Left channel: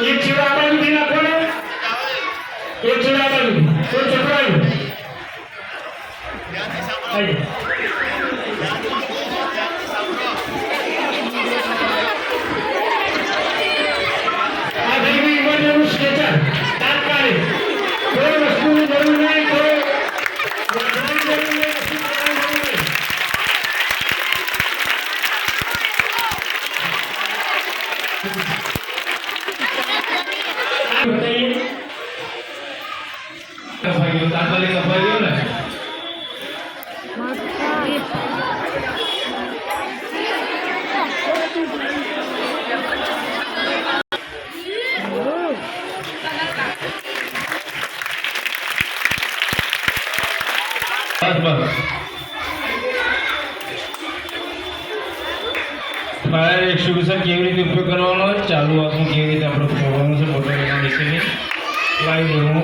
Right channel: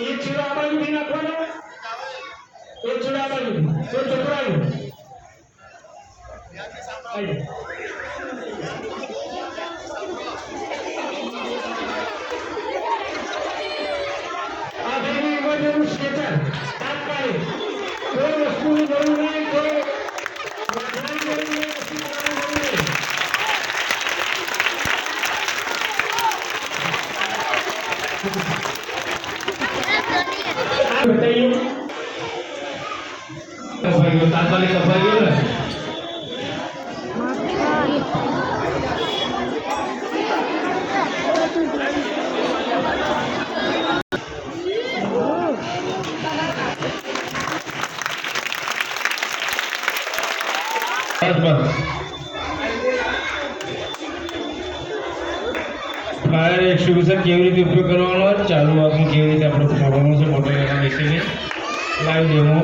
एक छेड़ा बाजू भी नाखो ने एक छेड़ा बाजू तो चकरायो आइए आ देखिए इमरजेंसी स्ट्रेचर तात्कालिक कोई वस्तु की जरूर नहीं कोई वस्तु की जरूर नहीं बताइए तात्कालिक सफाई हो रहा है फायर एक्सटिंग्विशर કેવી રીતે ઉપયોગ કરવાનો ચાલુ આપણે કેવી રીતે આપણે પ્રોગ્રામ છે ફોટો લેવા બેસીને લાઈવ ડેમો